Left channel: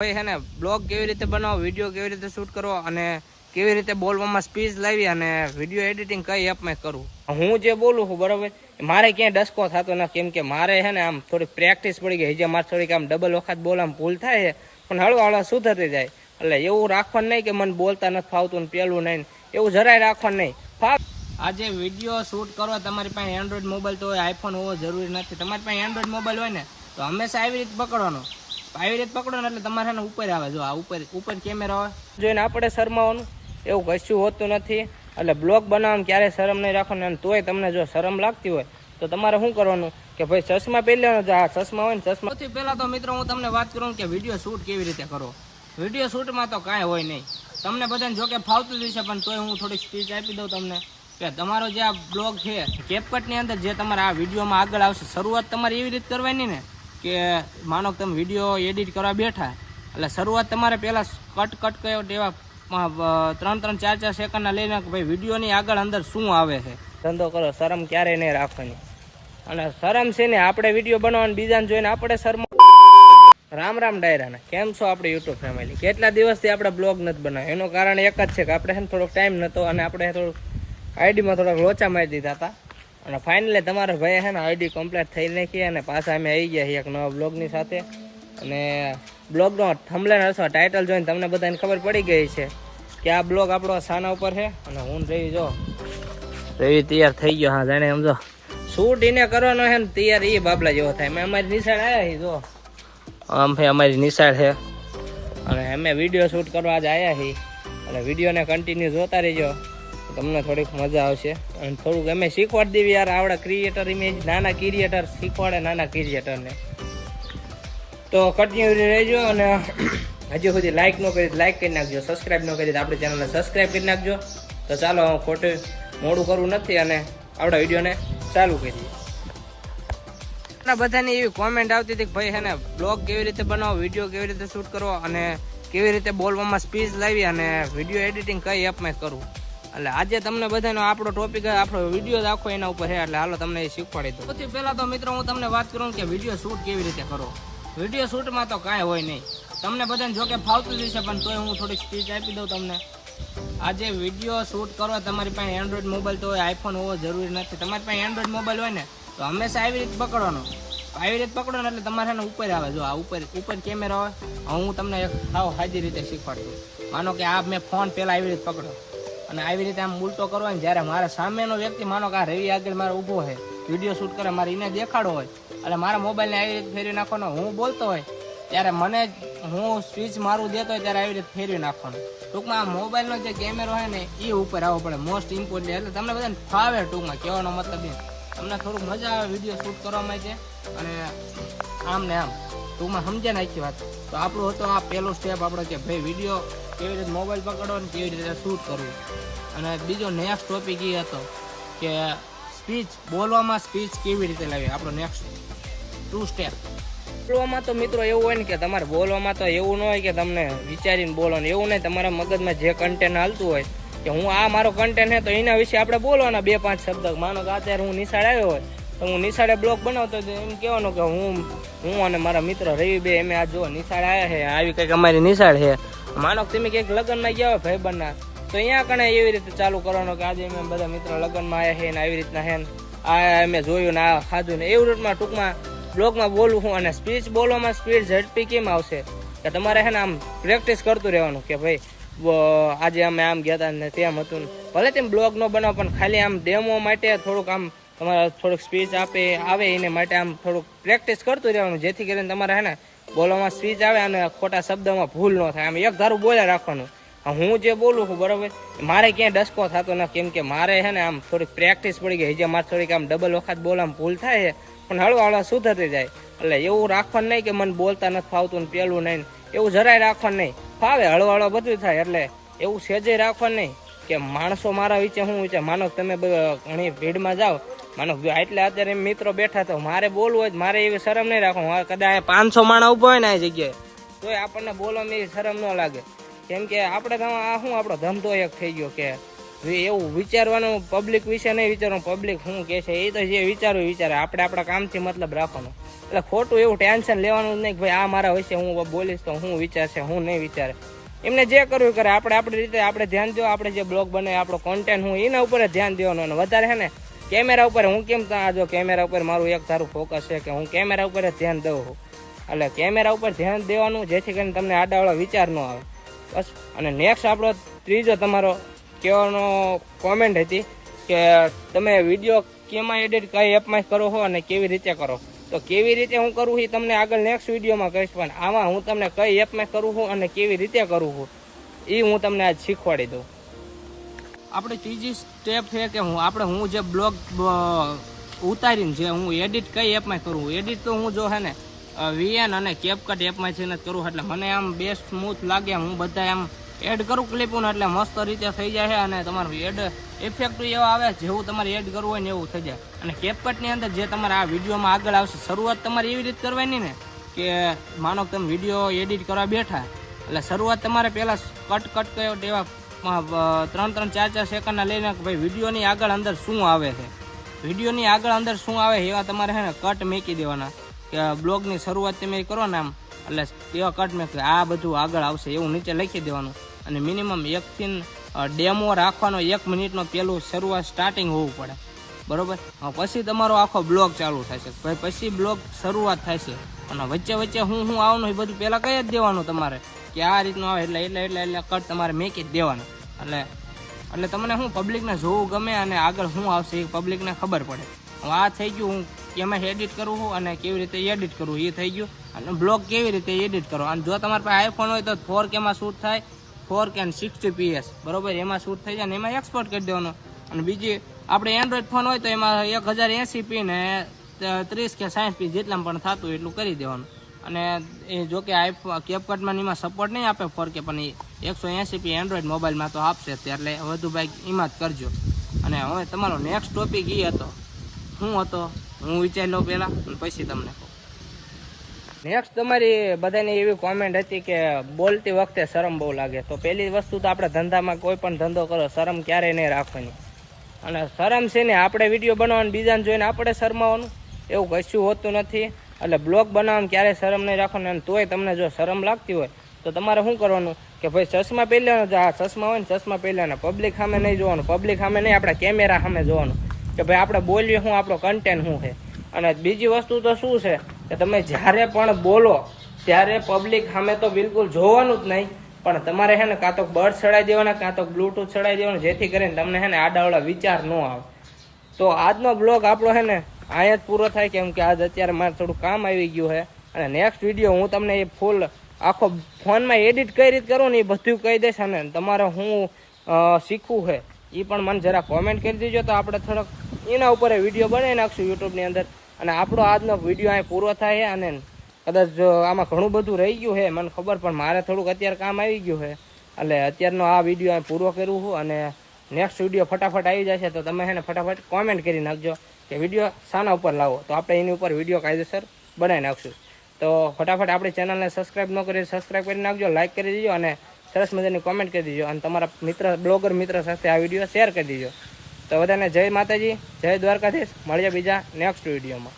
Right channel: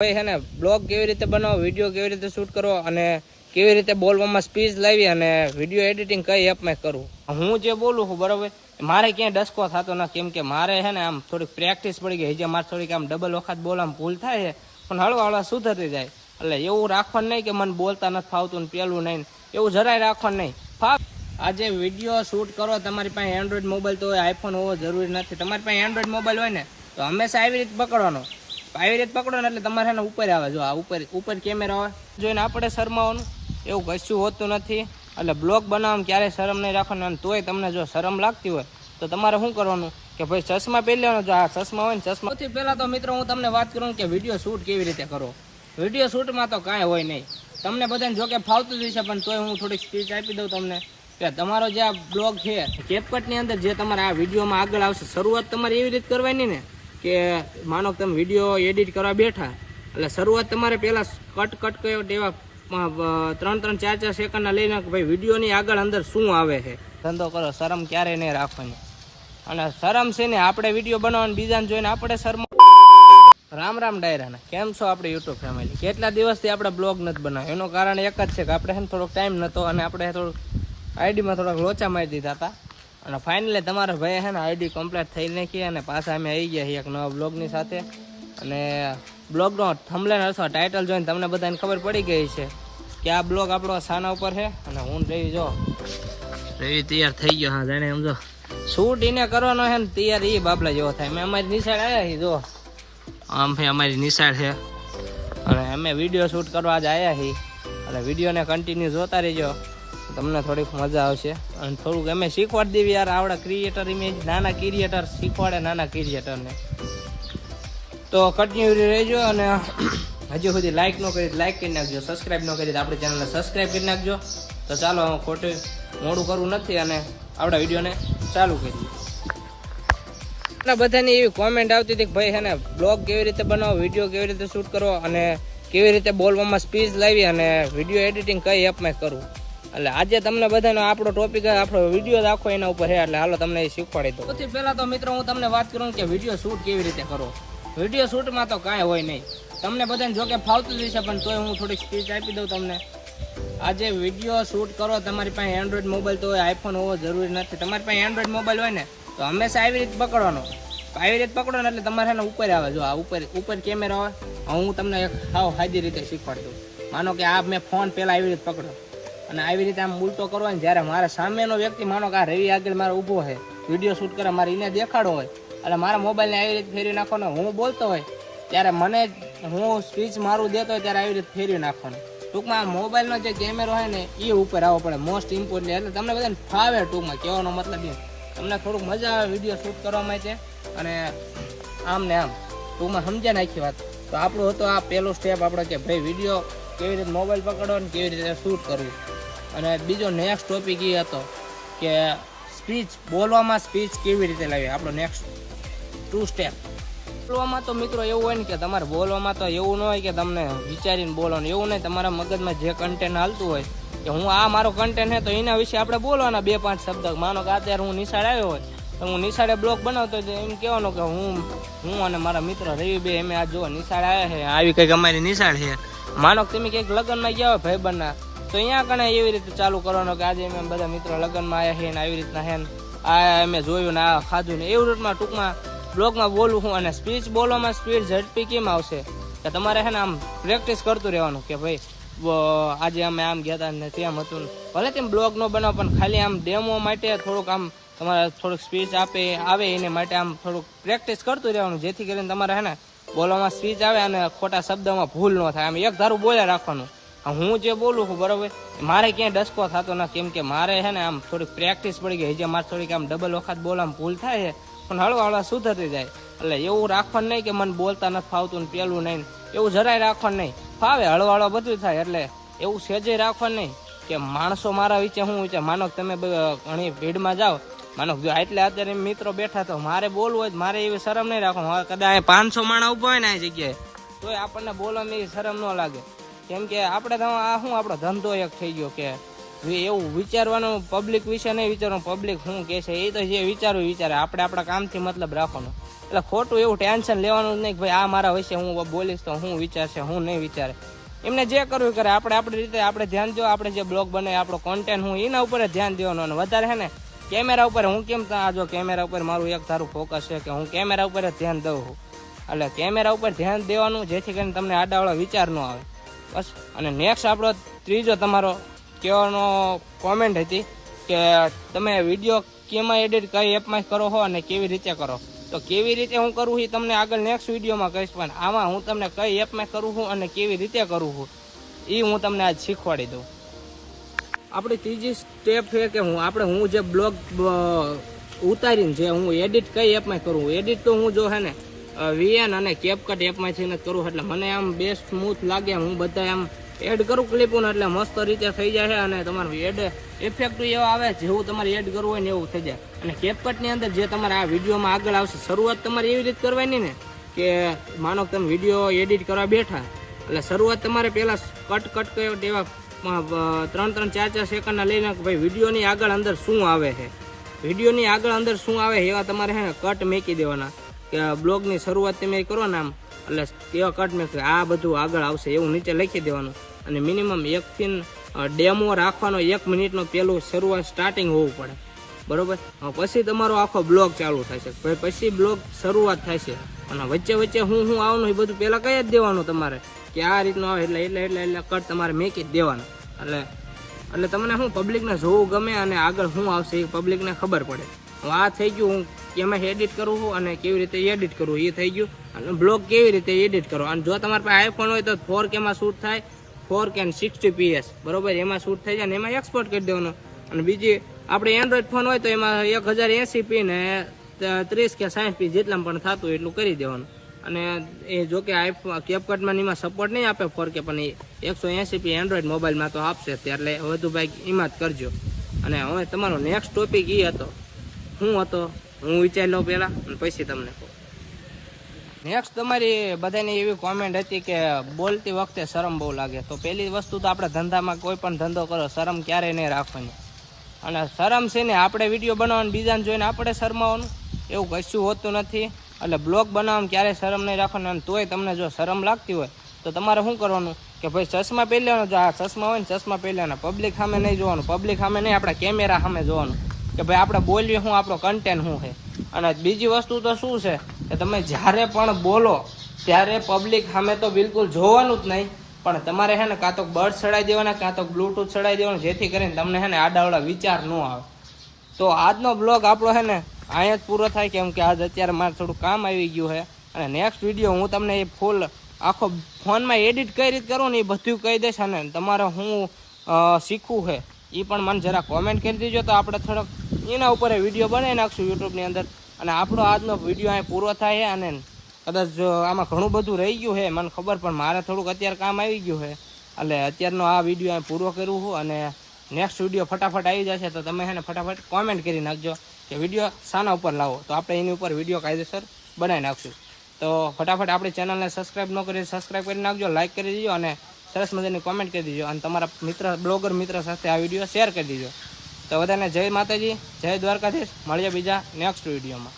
ભાઈ છે ને બ્લોગ કેવી રીતે બનાવો, વિડીયો કેવી રીતે શૂટ કરવો અને કેવી રીતે બોલવામાં સ્પીચ લાવી અને વિડીયો એડિટિંગ કઈ એપમાં કરવું. હું જે બોલું છું બરોબર, મારે ક્યાંય ડસકો થતો ના, કેમ કે મારે છે ને આમ થોડીક પ્રેક્ટિસ પડી ગઈ છે. મારે થોડીક આમ ડબલ વખત બોલવામાં ભૂલ થાય છે, પણ હળવા હળવા સુધરતી જાય. એટલે એવું રાખવાનું નહીં કે મને બોલતા નથી ફાવતું ને પેલું નહીં, એવું જરાય રાખવાનું નહીં. આજે વિડીયો શૂટ કરો, તમારી પાસે એન્ડ્રોઈડ મોબાઈલ તો હોય, આઈફોન હોવો જરૂરી નથી. તમારી પાસે એન્ડ્રોઈડ મોબાઈલ હોય ને તો હંમેશા આવી રીતે પકડવાનો. આવી રીતે પકડો ને એટલે તમારે ને ઉપર આવે, જો આ ઉપર કેમેરા આવે જોઈને આપણે શરમાવાનું એવું કશું હોતું નથી. એટલે બ્લોગ બનાવવામાં ક્યારેય શરમ નહીં રાખવાનું. અને તોય તમને જો શરમ લાગતી હોય તો તમારે શું કરવાનું કે ભાઈ ચશ્મા પહેરી લેવાનો. જો આ ચશ્મા હોય ને ચશ્મા. સૌથી પહેલા તો મિત્રો હું તમને વાત કરું કે વિડીયો શૂટ કેવી રીતે કરો. વિડીયો શૂટમાં તો કાંઈ હોય નહીં, તમને બધાને જો કે ફાવતું જ છે, પણ તોય હું થોડીક સ્પીચ આપી દઉં તમને કે તમારો જે આ બ્લોગ છે કેપકટની અંદર જે તમારે આ વિડીયોમાં આગળ આવશે, શરૂઆત તમારે એવી રીતે કરવાની ને કે માનો કે તમે વિડીયો એડિટ કરવા બેઠા એટલે શરૂઆત તમારે પહેલાં કટ એવા 3-4 સેકન્ડના લઈને ભાઈ વિડીયોની આગળ અંદર શું આવે છે. ધંધો કરો, શરમ ક્યારેય નહીં રાખવાની. અને શરમ છે ને આપણે વિડીયો બનાવવાની બીજાને જોઈને આપણે શરમ. રામ રામ ડાયરાના, કેમ છો આપણે યુટ્યુબ ફેમિલી? કેટલા દિવસથી આપણે બ્લોગ નથી બનાવ્યો, એનું કારણ એક જ છે કે આપણે છે ને થોડોક ટાઈમ નહોતો અને આપણે થોડુંક આઈડીમાં થોડાક લોચા મારી દીધા હતા. અને ફાઇનલી તમારા ભાઈ છે ને આઈડી કમ્પ્લીટ થઈ નાખી અને પાછા અમે આવી ગયા છીએ એક નવા બ્લોગની સાથે. અને બ્લોગનો થંબનેલ અથવા ટાઇટલ જોઈને તમને બધાને ખબર પડી ગઈ છે કે આ બ્લોગ આપણો સાના ઉપર છે. અને હું રવિ જો રવિ તૈયાર થઈ ગયો. હા જાણે સમજો શૂટ એને કરવાનો છે ને તૈયાર એ બાબલા જેવો થાય. મેં અમારી નિશાળ આવ્યા છીએ, જો આમ ભાઈ અમારી નિશાળ છે અને અમે વિડીયો શૂટ કરવા આજે આવ્યા છીએ. અને વિડીયોને કન્ટિન્યુ જોતા રહીજો, તમને થોડીક મજા આવશે. અને થોડુંક અમે શીખવાડી દેવી યાર, આવડા ક્રિએટર ઇમેજ નાના ક્રિએટર શીખવાડે નાના ક્રિએટરને. તો કન્ટિન્યુ રહેજો. અને હજી સુધી લાઇક ન કરી લાઇક કરી નાખજો, સબસ્ક્રાઈબ ન કરી આપણી ચેનલને સબસ્ક્રાઈબ કરી નાખજો. તો ચાલો ખોટું મોડું કરવું નથી અને આપણા વિડીયોને ચાલુ કરીએ. બધાની એવી કોમેન્ટ આવતી હતી કે ભાઈ છે ને બ્લોગ કેવી રીતે બનાવો, વિડીયો કેવી રીતે શૂટ કરવો અને કેવી રીતે બોલવામાં સ્પીચ લાવી અને વિડીયો એડિટિંગ કઈ એપમાં કરવું. એટલે આજે તમને બધાનો આપણો ટોપિક આપણો વિડીયો આખો એના ઉપર છે. એટલે હાલો તમને એ શીખવાડી દઉં. સૌથી પહેલા તો મિત્રો હું તમને વાત કરું કે વિડીયો શૂટ કેવી રીતે કરો. વિડીયો શૂટમાં તો કાંઈ હોય નહીં, તમને બધાને જો કે ફાવતું જ છે, પણ તોય હું થોડીક સ્પીચ આપી દઉં તમને. આજે વિડીયો શૂટ કરો, તમારી પાસે એન્ડ્રોઈડ મોબાઈલ તો હોય, આઈફોન હોવો જરૂરી નથી. તમારી પાસે એન્ડ્રોઈડ મોબાઈલ હોય ને તો હંમેશા આવી રીતે પકડવાનો. આવી રીતે પકડો ને એટલે તમારે ને ઉપર આવે, જો આ ઉપર કેમેરા આવે. હું તમને એક સાદી રીતે શીખવાડતું. માનો કે આ મેં ફોન પહેલા આવી રીતે પકડો અને આવી રીતે આમ ઉલટો કરવો ને, જ્યારે મારા સામેનો વ્યક્તિ માનો કે આ રવિ આગળ મારે ઊભો હોય, વિડીયો શૂટ કરે, મારે એને દેખાડો હોય એટલે મારા મોબાઈલને આવી રીતે ફેરવી નાખવાનો. હું બોલતો હોય ત્યારે મને હું સ્પીચ મારું દેતો હોય ત્યારે આવી રીતે ફેરવી નાખવાનું. ટૂંકમાં આ મોબાઈલનો જે કેમેરો હોય ને એ ઉપર આવવો પડે, મોસ્ટ ઇમ્પોર્ટન્ટ. એટલે તમને બધાને ફાવે, ટૂંકમાં કહેવાનો મતલબ એ તમને થોડુંક મજા આવે વિડીયો શૂટ કરવા માટે. અને આમ ને આમ ટૂંકમાં સમજ્યા ને આખી વાત. તો આપણું હતો આ પહેલો સ્ટેપ આપણો કે ભાઈ વિડીયો કેવી રીતે મોબાઈલ પકડો ને કેવી રીતે શૂટ કરવું. અને બીજો નેક્સ્ટ ટોપિક એ હતો કે સ્પીચ બોલવામાં સ્પીચ કેવી રીતે લાવી. આપણો નેક્સ્ટ 2 સ્ટેપ. બોલવામાં તો મિત્રો એવું હોય ને કે તમારે બોલવામાં તો એવું ન હોય કે તમને વિચારીને બોલવાનું, એવું નહીં. તમારા મગજમાં જે કન્ટેન્ટ હાલતું હોય કે હું આ મારો કન્ટેન્ટ છે તો એના વિશે આપણે બોલવાના 2-5 શબ્દ. માનો કે અત્યારે હું નિશાળ આવ્યો હોય તો હું નિશાળે બ્લોગ બનાવતો એમ કહેવાનું કે હું અને મારા મિત્ર રવિ બે અમે આ જો નિશાળ આવ્યા છે, આવી કંઈક અમારી નિશાળ છે. માનો કે તમે કંઈક લગ્નમાં ગયા હોય ભાઈબંધના તો અહીંયા કણે એવી રીતે ચાલુ કરવાનું કે આજે અમે બધા મિત્રો લગ્નમાં આવ્યા છે ને આવી રીતના છે ને આ અમે જોયું ને આ ખાધું ને એવું રીતમાં ટૂંકમાં બ્લોગમાં બોલું હું. અને સ્પીચ બોલવામાં સ્પીડ ઝડપી કેમ આવશે કે તમારે છે ને આમ પ્રેક્ટિસ કરતું રહેવાનું કે ભાઈ આજે અમે આમ ગયા હતા ને તેમ હતું. ભલે તેમ બ્લોગ ન બનાવો પણ ખાલી આમ ડેમો માટે થોડુંક આમ તમારે થોડુંક સ્પીચ આવે એને માટે આમ થોડુંક પ્રેક્ટિસ કરતું રહેવાનું, જેથી કરીને તમારે છે ને બોલવામાં સ્પીચ આવે અને ખોટા શબ્દમાં ભૂલ ન થાય. આમ એક ધારું બોલ્યા રાખવાનું. હું જે બોલું છું બરોબર, મારે ક્યાંય ડસકો થતો ના, કેમ કે મારે છે ને આમ થોડીક પ્રેક્ટિસ પડી ગઈ છે. મારે થોડીક આમ ડબલ વખત બોલવામાં ભૂલ થાય છે, પણ હળવા હળવા સુધરતી જાય. એટલે એવું રાખવાનું નહીં કે મને બોલતા નથી ફાવતું ને પેલું નહીં, એવું જરાય રાખવાનું નહીં. ફાવે હળવા હળવા બધું થાય. એટલે એવું સેજે રાખવાનું નહીં કે માણસો મારા વિશે શું વિચાર. માનો તમે ઘણી ભીડમાં જાઓ, માનો એટલે અત્યારે મિત્રો બેઠા તો મારે બોલવું હોય મારે એવી શરમ નહીં રાખવાનું. કદાચ 500 માણસ ઉભા હોય ને આ જગ્યાએ તોય આપણને બોલવામાં એવી શરમ ન લાગે, કેમ કે આપણે આ શું આપણો ધંધો એક થઈ ગયો કે એવું વિચારવાનું પબ્લિક વિશે નહીં વિચારવાનું. પબ્લિક શું કહે છે એ તો જે વિચારે આપણે આપણા કામથી મતલબ રાખવાનો. એટલે ખોટું એવું ટેન્શન લેવાનું જ નહીં કે ભાઈ આ મારા વિશે હું બોલીશ તો હું વિચારશે હું નહીં વિચારે. એમને જે કરવું કરે, આપણે આપણી રીતે આપણે ધ્યાન દો. આપણે જે બ્લોગ બને આપણો કોન્ટેન્ટ હું એના ઉપર જ ધ્યાન દેવાનું. અને વધારે હે ને કેમેરા ઉપર હું કેમ જો કેમેરા ઉપર મારું એક ધારું ફોકસ છે કે હું કેમેરા ઉપર જ ધ્યાન દઉં છું. એટલે કેમેરા ઉપર ધ્યાન દેવાનું જેથી કરીને તમને આડાવાળો વિચાર ન આવે બસ. અને નેક્સ્ટ આપણો ત્રીજો તમારો કહેવાનો કોમેન્ટ હતી કે તમે વિડીયો કેમાં એડિટ કઈ એપમાં કરો છો અને કેવી રીતે કરો. તો કેવી રીતે હું કરું એ તમને આગળ નેક્સ્ટ વિડીયોમાં કહીશ, પણ આમાં હું તમને કઈ એપમાં કરું છું અને કેવી રીતે કરું છું એ હું તમને આજ શીખવાડી દઉં. આપણી ત્રીજી સ્ટેપ છે કે હું જે બ્લોગ ઉતારીને જે હું એડિટ કઈ એપમાં કરું. એડિટ તો હું જો હે ને VN અને CapCut એપમાંથી જ કરું. એટલે મને આમ બેસ્ટ સ્મૂથ લાગે. હું બધા આમ એડ કરું ક્લિપો ને એટલે મસ્ત રીતે થઈ જાય છે. અને તમારું એડ ઇફેક્ટ એવા આવે જેવું તમારે એડ કરવું હોય ને એવું થઈ જાય. અને CapCut ની અંદર જે તમારે આ વિડીયોમાં આગળ આવશે, શરૂઆત તમારે એવી રીતે કરવાની ને કે માનો કે તમે વિડીયો એડિટ કરવા બેઠા એટલે શરૂઆત તમારે પહેલાં કટ કર્યો એવા 3-3, 4-4 સેકન્ડના લઈને ભાઈ વિડીયોની આગળ અંદર શું આવે છે, વિડીયોની આગળ અંદર શું આવે એવા તમારે છે ને કટ મૂકી દેવાના. કે બ્લોગની શરૂઆત તમે કરો ને આમ એટલે એવા કટ મૂકી આ બધું આગળ આવશે એવું નીચે લખી દેવાનું. અને મિનિમમ 1 થી ડેમો રાખવાનો, 1 મિનિટનો પેલું શરૂઆત સ્ટાર્ટિંગ હોવું પડે, બરોબર. પછી તમારો આખો બ્લોગ ચાલુ થશે. પછી બ્લોગ શરૂઆત થાય છે. અને વચ્ચે વચ્ચે હું આવવાનું એ બધું પહેલાં કહી જ દેવાનું તમારે કે આ રીતનું આવે એટલે કટ તમારે મેકી જ દેવાનું. એટલે તમને શું પબ્લિકને જોવું ગમે અને આગળ શું આવશે એ પબ્લિકને ખબર પડે. આ થઈ ગયું હું કેમાં એડિટ કરું છું અને કેવી રીતે એડિટ કરવું એ થઈ ગયું. અને બ્લોગ કેવી રીતે એડિટ કરો. અને જો તમારા પાસે આઈફોન હોય તો 4K માં શૂટ થાય, 4K અને 60fps બરોબર એમાં શૂટ થઈ જાય ને એમાં એક્સપોર્ટ કરી દેવાનો. અને બીજી આપણે એન્ડ્રોઈડ ફોન હોય તો એમાં 1080p ને 30 કે 60p જેટલા પણ થતું એટલું કરી દેવાનું. અને એ જો કે આઈફોન CapCutમાં એમાં સપોર્ટ નહીં આપે 4K, પણ એ 180p એન્ડ્રોઈડ મોબાઈલમાં તો આપશે. એટલે વધુ ભાઈ એમાં જ કરજો. અને હવે તમારો નેક્સ્ટ ટોપિક એ હતો શું હતો હું વિચારી લઉં પહેલાં અને પછી તમને કહું. નેક્સ્ટ તમારી બધાની એવી કોમેન્ટ હતી કે બોલતી વખતે શરમ બહુ લાગે. તો પહેલી વસ્તુ તો આપણે ધંધામાં કોઈ પણ ધંધો કરો શરમ ક્યારેય નહીં રાખવાની. અને શરમ છે ને આપણે વિડીયો બનાવવાનું બીજાને જોઈને આપણે શરમાવાનું એવું કશું હોતું નથી. એટલે બ્લોગ બનાવવામાં ક્યારેય શરમ નહીં રાખવાનું. અને તોય તમને જો શરમ લાગતી હોય તો તમારે શું કરવાનું કે ભાઈ ચશ્મા પહેરી લેવાનું. આ ચશ્મા હોય ને ચશ્મા પહેરી લેવાના. પબ્લિક સામે નહીં જોવાનું, પબ્લિક સામે નહીં આપણે કેમેરા સામે જોવાનું કે ભાઈ આપણે બોલીએ શું, આપણો કન્ટેન્ટ શું છે. અને બીજી વસ્તુ તો શું છે કે તમે જ્યારે પણ બોલો ત્યારે પબ્લિક સામે તો બિલકુલ જોવાનું જ નહીં. પણ તમારે છે ને કાં તો બર્ડ ચડાવી દેવાના કાં તો બ્લૂટૂથ ચડાવી દેવાનું જેથી કરીને તમને છે ને આડાવડા વિચાર ન આવે. તો આજનો બ્લોગ આપણો છે ને અહીંયા જ પૂરો થાય કેમ કે આજ અત્યારે મારે થોડું કામ આવી ગયું છે. અને નેક્સ્ટ વિડીયો હું તમને એ ફૂલ આખો ફોનમાં એડિટ કઈ રીતે કરું ને એ બધું કહી દઈશ. અને તમારે હું શીખવું છે એ પણ મને જરા કોમેન્ટ કરી દેજો તો આપણે થોડોક એના ઉપર વિડીયો બનાવી નાખશું યુટ્યુબની અંદર. અને આપણો આજનો વિડીયો અહીં પૂરો થાય છે. અને કદાચ આમાં ઘણું બધું રહી ગયું છે મને ખબર, પણ મારે થોડુંક અત્યારે કામ આવી ગયું છે એટલે અત્યારનો આ વિડીયો અહીં પૂરો કરું છું. અને નેક્સ્ટ વિડીયો ફટાફટ આવી જશે તો તમે એને ફટાફટ કોમેન્ટ કરી નાખજો કે વિડીયો શાના ઉપર લાવો તો આપણે એની ઉપર વિડીયો કાયદેસર બનાવી નાખશું. તો ફટાફટ આપણી ચેનલને સબસ્ક્રાઈબ ન કરી સબસ્ક્રાઈબ કરી નાખજો, લાઇક કરી દેજો અને સરસ મજાની કોમેન્ટ કરી દેજો. અને તમારા બ્લોગર મિત્ર સાથે આ વિડીયો શેર કરી દેજો. તો બધાને જય માતાજી, જય દ્વારકાધીશ. મળીએ બીજા નેક્સ્ટ વિડીયોમાં.